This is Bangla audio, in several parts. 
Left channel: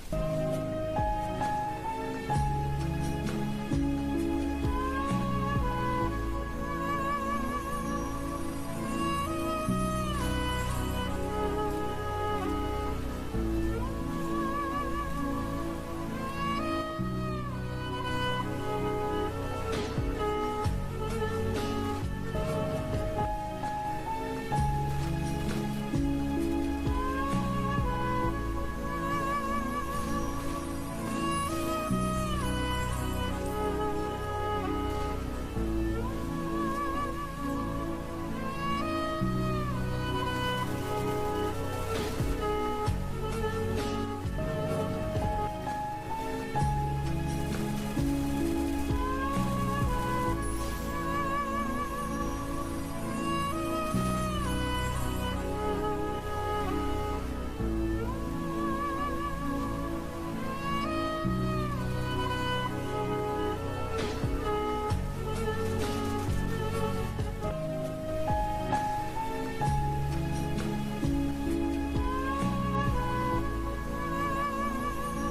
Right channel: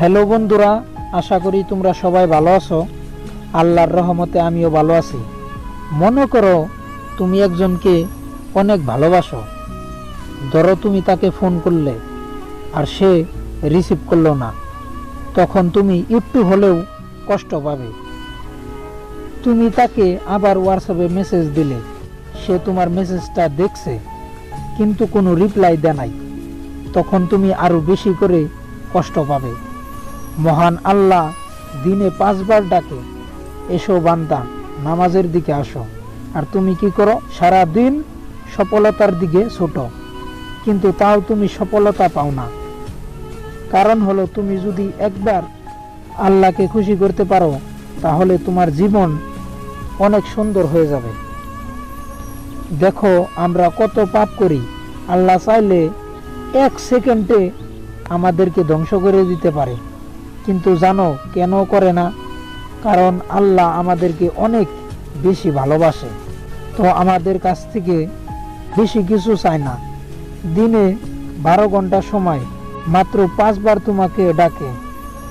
হ্যালো বন্ধুরা, আশা করি তোমরা সবাই ভালো আছো। আল্লাহর রহমতে আমিও ভালো আছি। মনে করো তুমি একজনকে অনেক ভালোবাসো। ধরো তুমি তাকে ফোন করলে আর সে রিসিভ করল না। তখন তুমি একটু হলেও কষ্ট পাবে। তুমি তাকে আবার হোয়াটসঅ্যাপে মেসেজ দিলে। সে তোমার মেসেজটা দেখছে, কিন্তু কোনো রিপ্লাই দেয় নাই। তখন তুমি আরও বেশি করে কষ্ট পাবে। মহান আল্লাহ দিনে পাঁচবার ডাকে, এসো বান্দা, নামাজের দিকে আসো। আর তুমি কি করো? সারা দিন সফলতার দিকে ছোট। কিন্তু তাও তুমি সফলতা পাও না। কারণ হলো, তুমি যদি একবার আল্লাহকে খুশি করতে পারো, তাহলে তোমার জীবন অনেক সুন্দর হয়ে যাবে। দেখো, আমরা কত পাপ করি। আল্লাহ চাইলে এক সেকেন্ডে আমাদেরকে ধ্বংস করে দিতে পারে। কিন্তু জানো কেন করে না? কারণ আল্লাহ আমাদেরকে অনেক বেশি ভালোবাসে। তো আমাদের কাছ থেকে বেশি কিছু চায় না। দিনে বারো ঘণ্টা সময় মাত্র পাঁচবার তোমাকে ডাকে।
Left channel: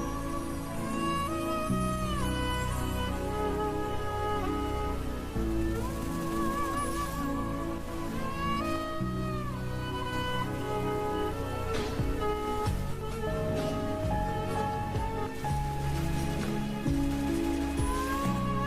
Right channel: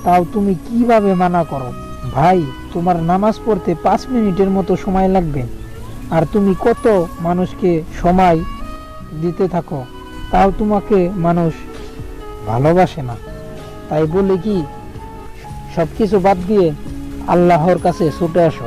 তাও তুমি কীভাবে মানা করো? ভাই, তোমার নামাজ পড়তে পাঁচ মিনিটের মতো সময় লাগবে। আর তুমি কত মানুষকে সময় দিতে থাকো, তাও তোমাকে মানুষ ভালোবাসে না। তাই বলে কি সব কিছু বাদ দিয়ে আল্লাহর কাছে ছুটে আসো।